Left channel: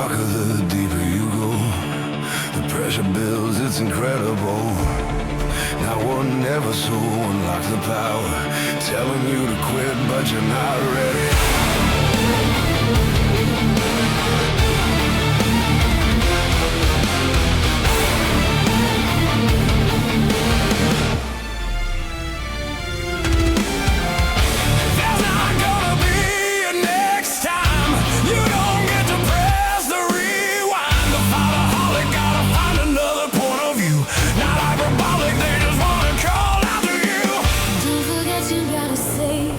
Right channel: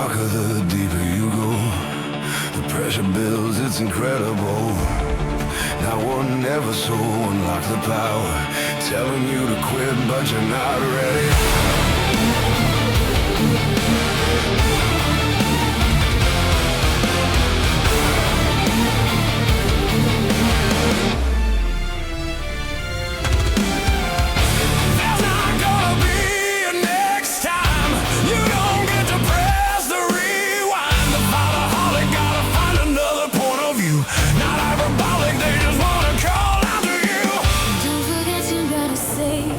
darker, the deeper you go. The pressure builds, it's incredible. Not one ever so unlock the power, telling you to quit, but you're not ready. Save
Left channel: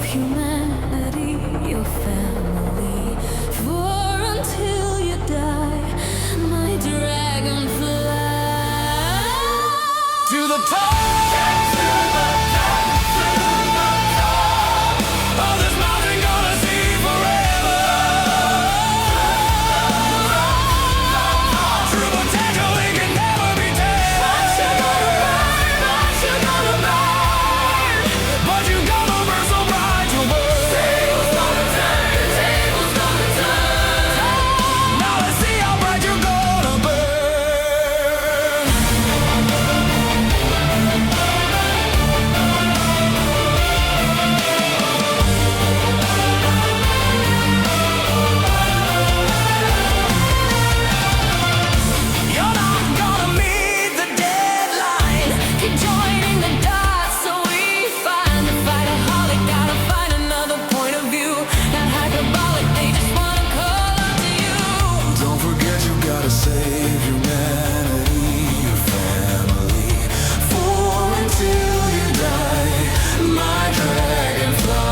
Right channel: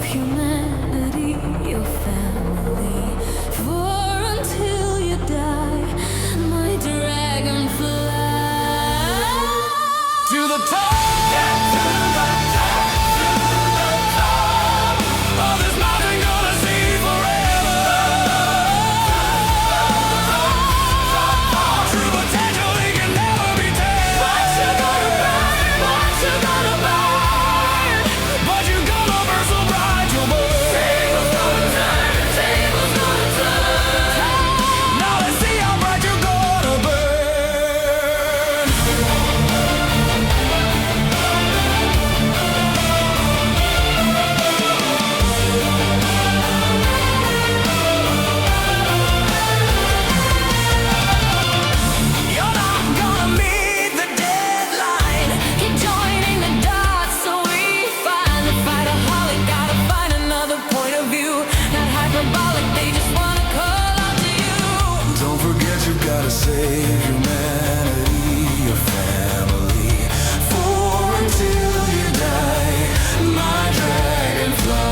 humanity, your family, for until you die, my dragonfly.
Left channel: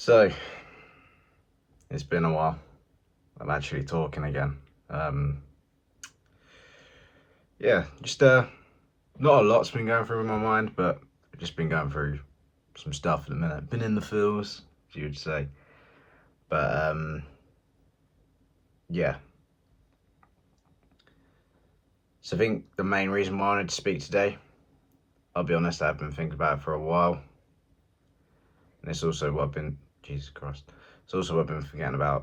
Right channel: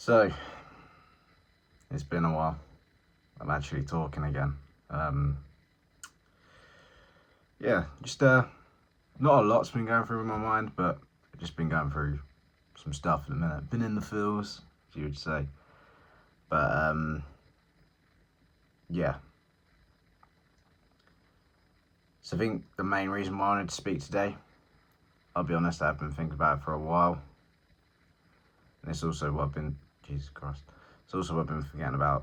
So, it's been a while. I'm actually talking again. Yeah, just not a lot's been going through in my mind, but I've just been going through some stuff at the minute. Been in the feels, as you would say. But yeah. So I think the main reason why I wanted to speak today, I'll be honest, I've been thinking about it for a while. And it's also what I've been, Jesus Christ, it's also what I've been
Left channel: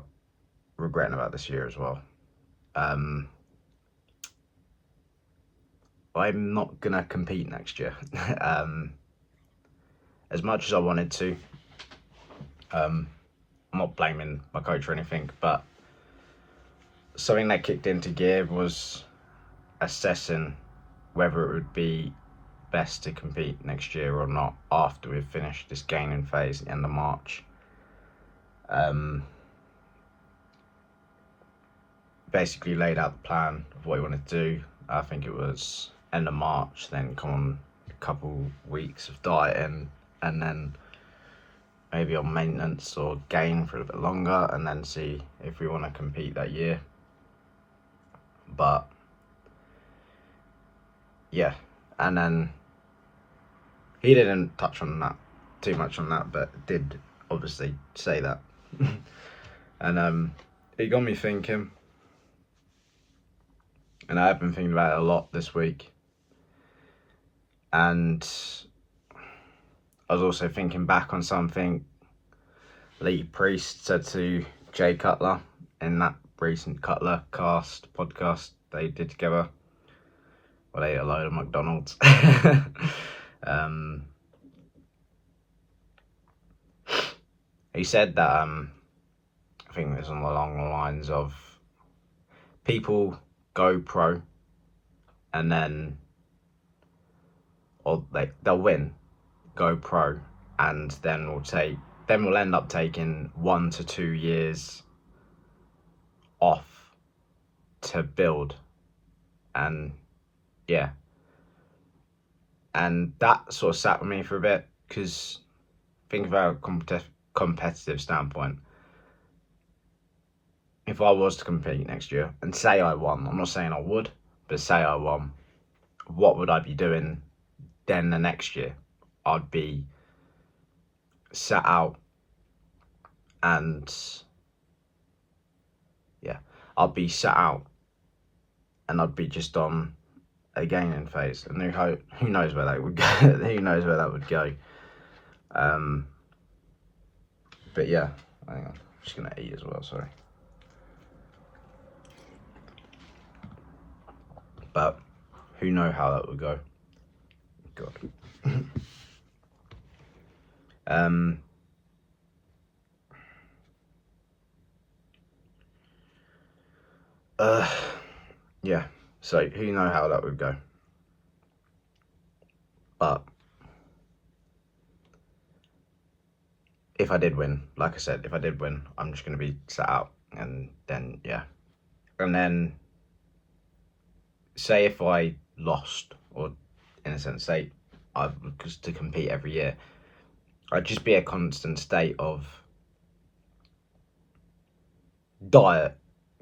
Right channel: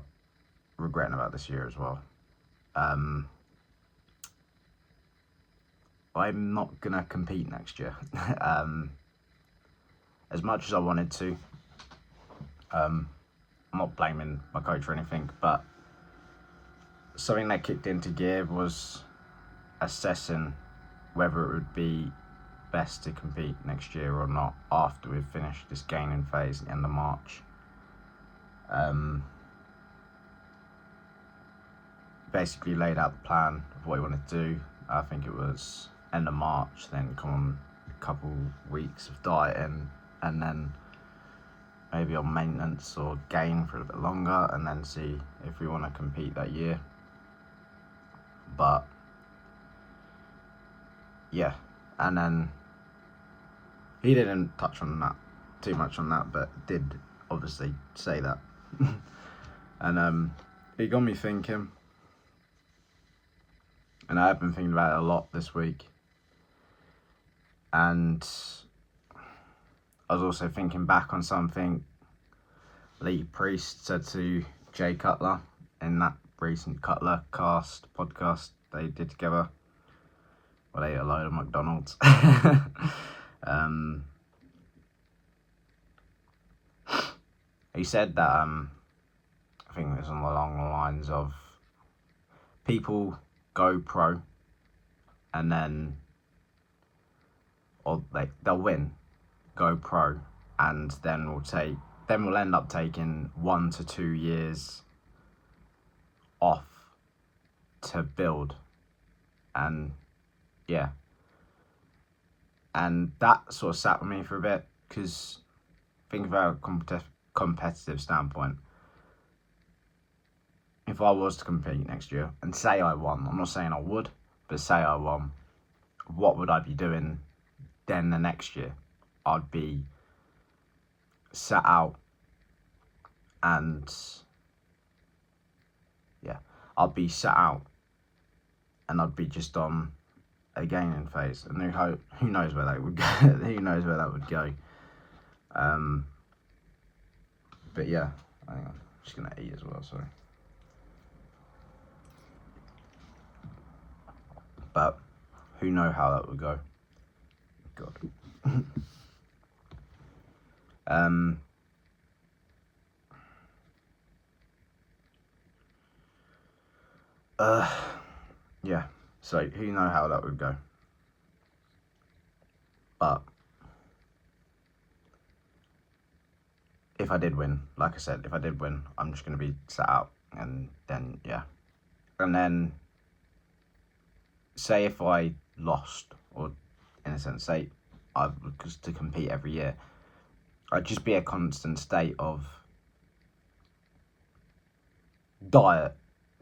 regretting about this year as well. I'm not gonna compete next year. As much as I wanted to. I'm not blaming my coach or anything, but something that kicked into gear was assessing whether it would be best to compete next year or not after we've finished this gaining phase at the end of March. Basically laid out the plan of what we wanted to do, I think it was end of March, then come on a couple weeks of dieting, and then maybe on maintenance or gain for a little bit longer, and then see if we want to compete that year. But yeah, and then he didn't touch on that too much on that, but did obviously say that. And it got me thinking, and I have been thinking about it a lot this week. And I was also thinking back on something Lee Priest said to Jay Cutler in that recent Cutler cast podcast they did together. Well, they ate a load of McDonald's. He said that I think it was along the lines of people go pro and then they'll win, go pro, and then we'll end up taking 1 to 2 years off to build. And yeah, and that sort of sat with me for a bit, because think about a competitive standpoint. If I was to compete next year and say I won, I'm not saying I would, but say I won, what would I be doing then the next year? I'd be sat out, and I'd be sat out, and I'd be just on a gaining phase, and who knows where that would go. Who knows where that would go. But yeah, hang on, I'm just gonna eat as well. Sorry. But who knows how that would go. God. Yeah, so who knows how that would go. But if I did win, like I said, I'm just going to be sat out, and then, yeah. And then, say if I lost, or in a sense, say I was to compete every year, I'd just be a constant state of diet,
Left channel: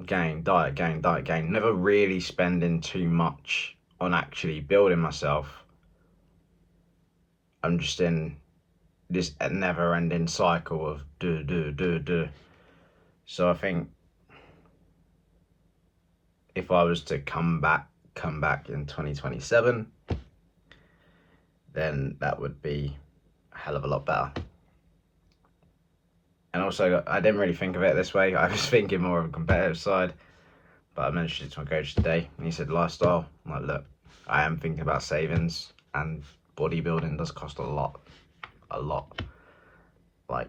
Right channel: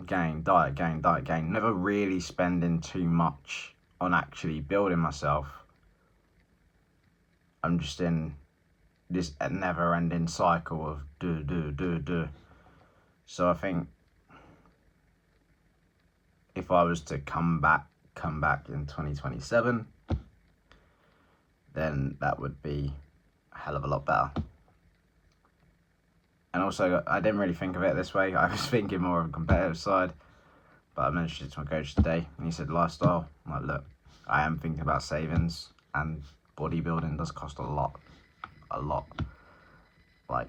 gain, never really spending too much on actually building myself. I'm just in this never-ending cycle of do. So I think if I was to come back in 2027, then that would be a hell of a lot better. And also, I didn't really think of it this way. I was thinking more of a competitive side. But I mentioned it to my coach today, and he said lifestyle. I'm like, look, I am thinking about savings, and bodybuilding does cost a lot. Like,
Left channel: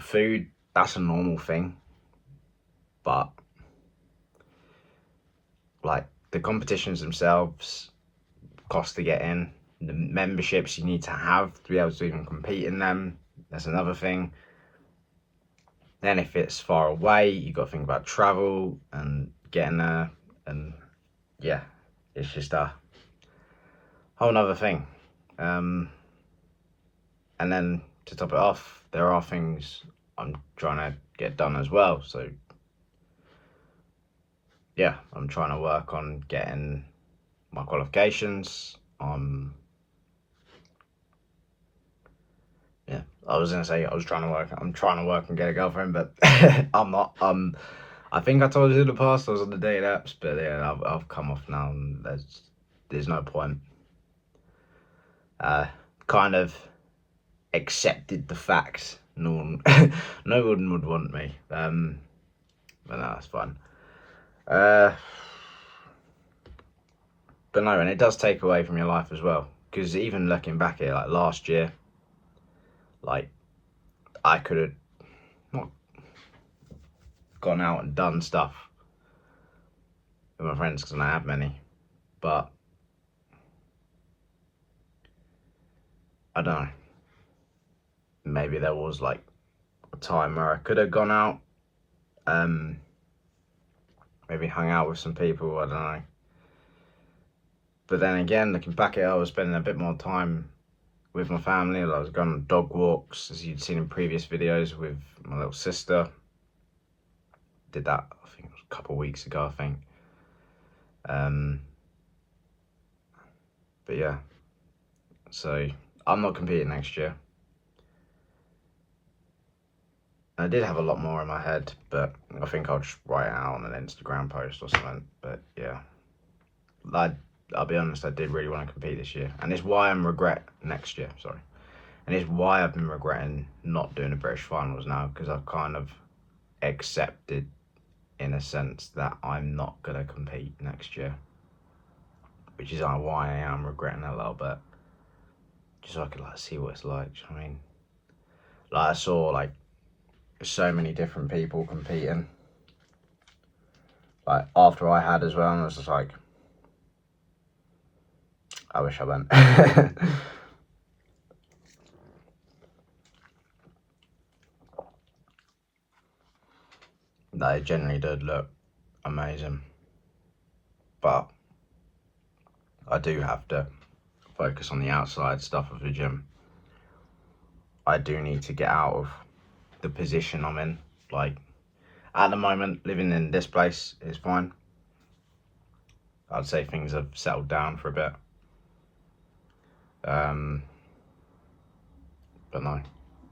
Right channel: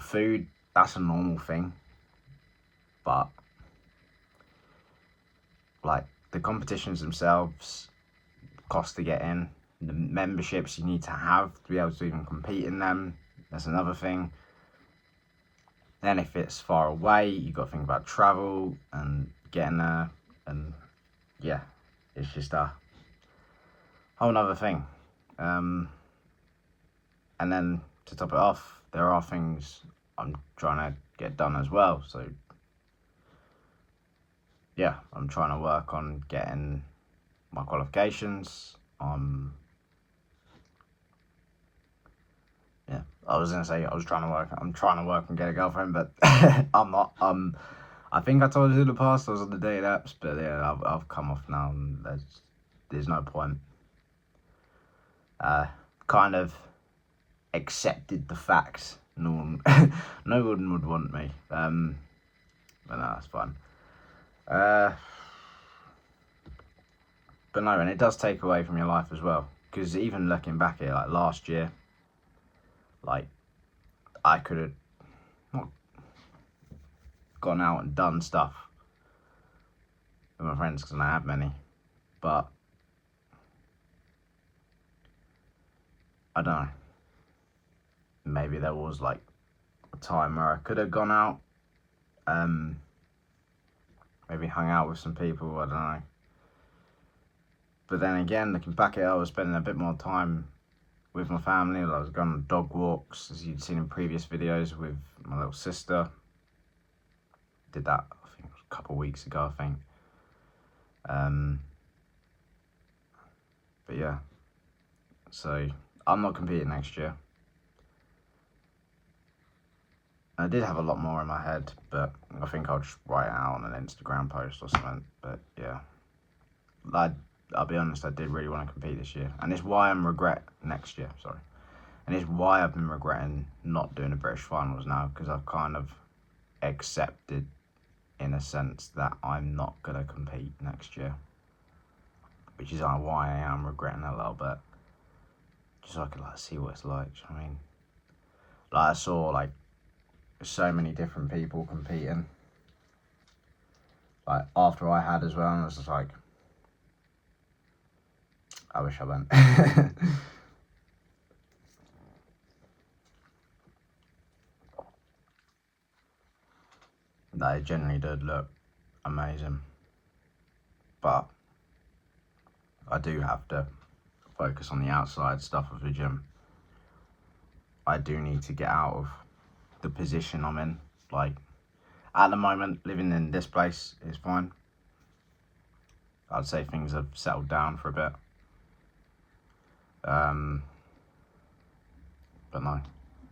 food, that's a normal thing. But, like, the competitions themselves cost to get in. The memberships you need to have to be able to even compete in them, that's another thing. Then if it's far away, you've got to think about travel and getting there. And yeah, it's just a whole nother thing. And then to top it off, there are things I'm trying to get done as well. So yeah, I'm trying to work on getting my qualifications. Yeah, I was gonna say I'm trying to work and get a girlfriend, but I'm not. I think I told you in the past I was on the dating apps, but yeah, I've come off now, and there's no point. Kind of accepted the fact no one would want me. But no, that's fine. But no, and it does take away from your life as well, because even looking back at it, like last year, like I could have not gone out and done stuff with my friends, because I don't have many, but I don't know, maybe there was like a time where I could have gone out, maybe hung out with some people, I don't know, But then again, looking back at it, I was spending a bit more time with my family. I was going on dog walks, as you'd seen in previous videos, with my little sister. Did that, I think it was a couple of weeks ago, I think. But yeah, so I'm not competing next year. I did have a lot more in my head, but I think I'll just write it out on an Instagram post or something. But yeah, I'll be honest, I did really want to compete this year, and it's why I'm next year. Sorry, and it's why I've been regretting not doing the British finals now, because I've kind of accepted, in a sense, that I'm not gonna compete next year, which is why I am regretting it a little bit, just so I could like see what it's like. Do you know what I mean? Like I saw like so many different people competing, like after I had as well, and I was just like, I wish I went. They generally did look amazing, but I do have to focus on the outside stuff of the gym. I do need to get out of the position I'm in. Like, at the moment, living in this place is fine. I'd say things have settled down for a bit. But no,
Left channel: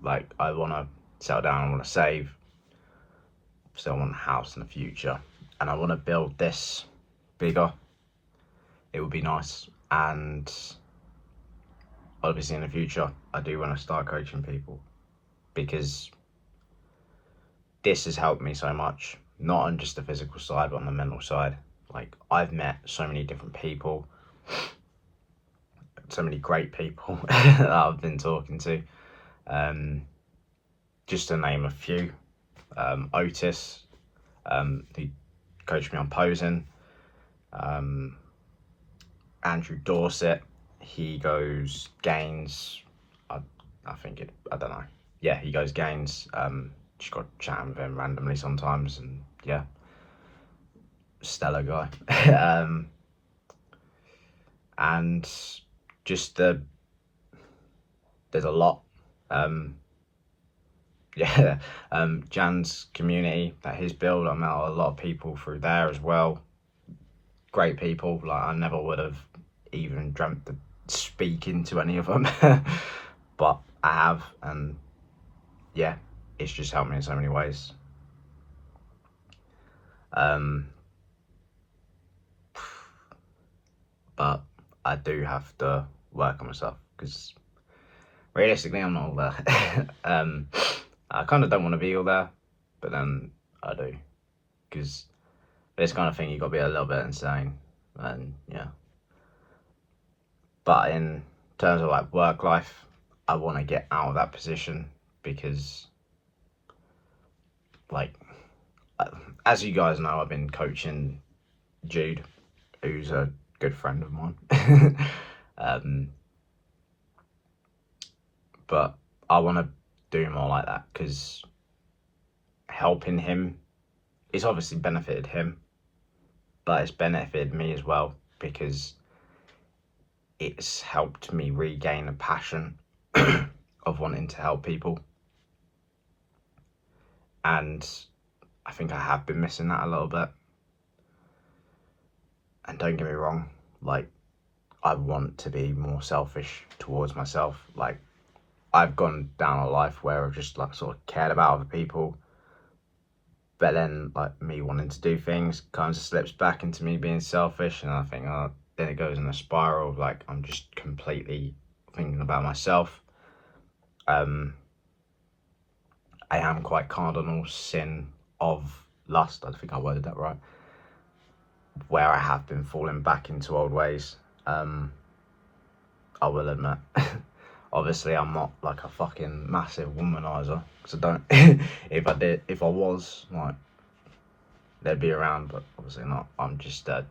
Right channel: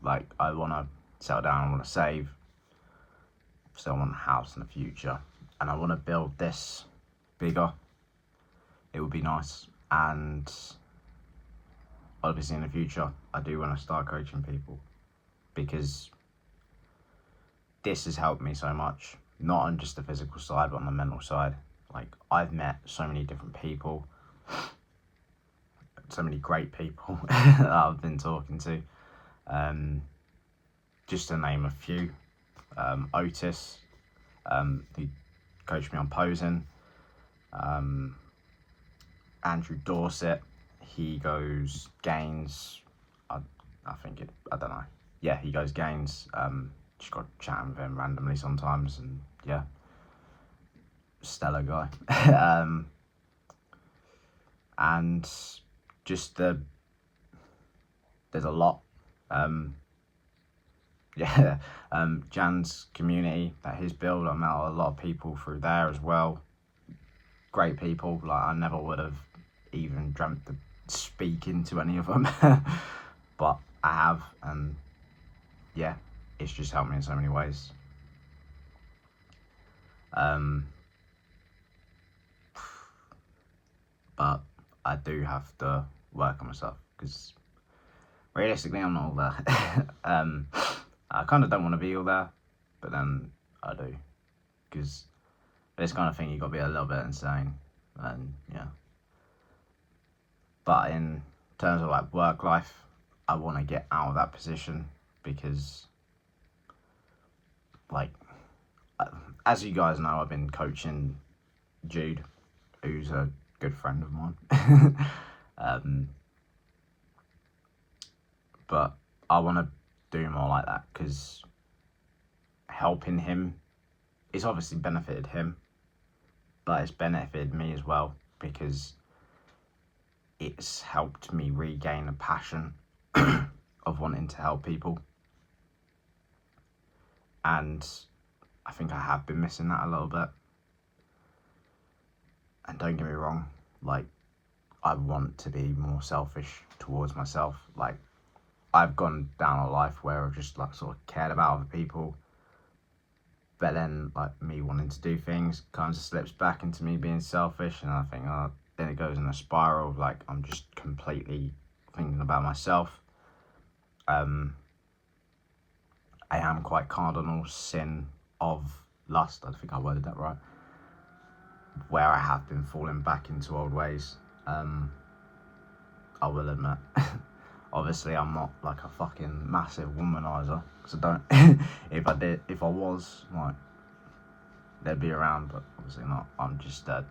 like, I want to settle down, I want to save. So I want a house in the future, and I want to build this bigger. It would be nice, and obviously in the future, I do want to start coaching people, because this has helped me so much, not on just the physical side, but on the mental side. Like, I've met so many different people, so many great people that I've been talking to. Just to name a few, Otis, who coached me on posing, Andrew Dorset, he goes Gains, I don't know. Yeah, he goes Gains. Just got chatting with him randomly sometimes, and yeah, stellar guy. And just there's a lot. Yeah, Jan's community that he's built, I met a lot of people through there as well. Great people. Like, I never would have even dreamt of speaking to any of them, but I have, and yeah, it's just helped me in so many ways. But I do have to work on myself, because realistically I'm not all there. I kind of don't want to be all there, but then I do, because this kind of thing you got to be a little bit insane, and yeah. But in terms of like work life, I want to get out of that position, because like, as you guys know, I've been coaching Jude, who's a good friend of mine. But I want to do more like that, because helping him, it's obviously benefited him, but it's benefited me as well, because it's helped me regain a passion of wanting to help people. And I think I have been missing that a little bit. And don't get me wrong, like, I want to be more selfish towards myself. Like, I've gone down a life where I've just like sort of cared about other people, but then like me wanting to do things kind of slips back into me being selfish, and I think then it goes in a spiral of like I'm just completely thinking about myself. I am quite cardinal sin of lust, I think I worded that right, where I have been falling back into old ways. I will admit. Obviously, I'm not like a fucking massive womanizer, because I don't. If I was, like, they'd be around, but obviously not. I'm just a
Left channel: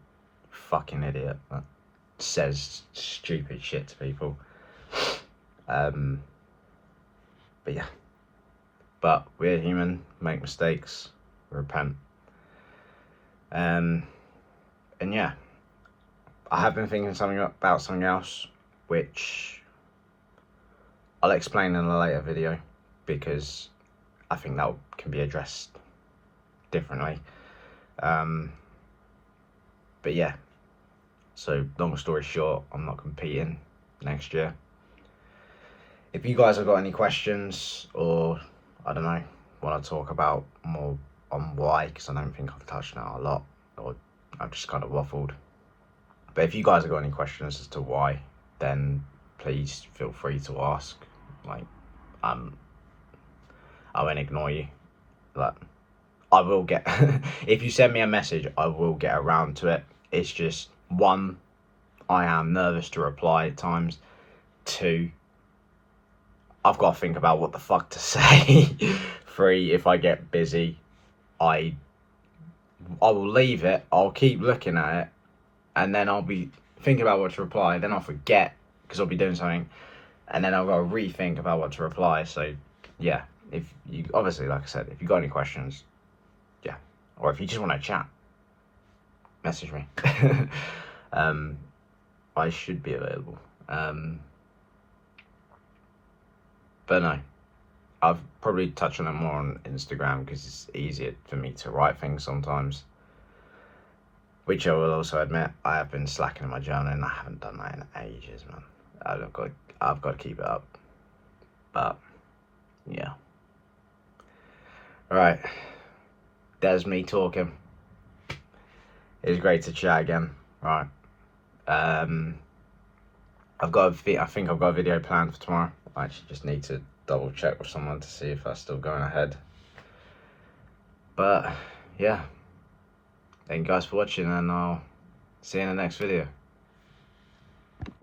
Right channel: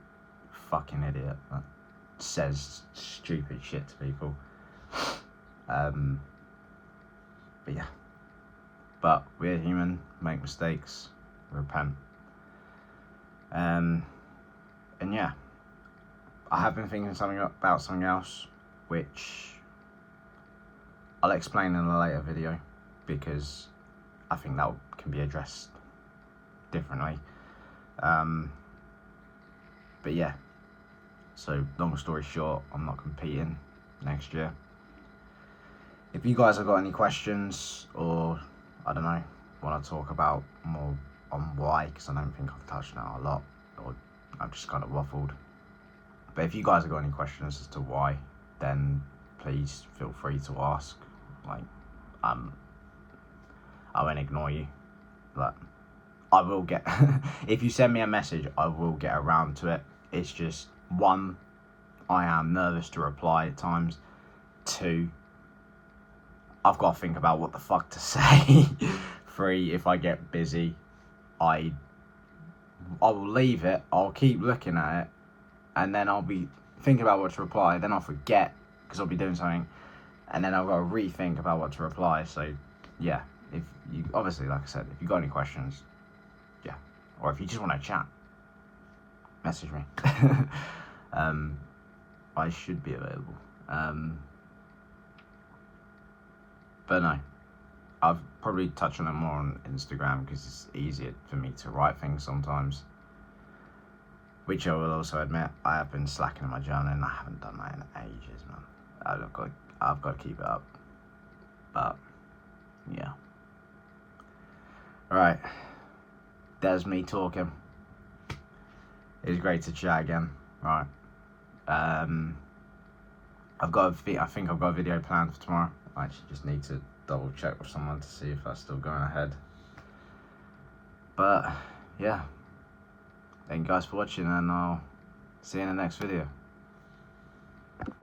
fucking idiot that says stupid shit to people. But yeah. But we're human, make mistakes, repent. And yeah, I have been thinking about something else, which I'll explain in a later video, because I think that can be addressed differently. But yeah, so long story short, I'm not competing next year. If you guys have got any questions, or I don't know, want to talk about more on why, because I don't think I've touched on it a lot, or I've just kind of waffled. But if you guys have got any questions as to why, then please feel free to ask. Like, I won't ignore you. Like, I will get, if you send me a message, I will get around to it. It's just, one, I am nervous to reply at times. Two, I've got to think about what the fuck to say. Three, if I get busy, I will leave it. I'll keep looking at it, and then I'll be thinking about what to reply. Then I'll forget because I'll be doing something, and then I've got to rethink about what to reply. So yeah, if you, obviously, like I said, if you got any questions, yeah, or if you just want to chat, message me. I should be available. But no, I've probably touched on it more on Instagram because it's easier for me to write things sometimes. Which I will also admit, I have been slacking in my journaling. I haven't done that in ages, man. I've got to keep it up. But yeah. Right, there's me talking. It was great to chat again. Right. I think I've got a video planned for tomorrow. I actually just need to double check with someone to see if that's still going ahead. But yeah, thank you guys for watching, and I'll see you in the next video.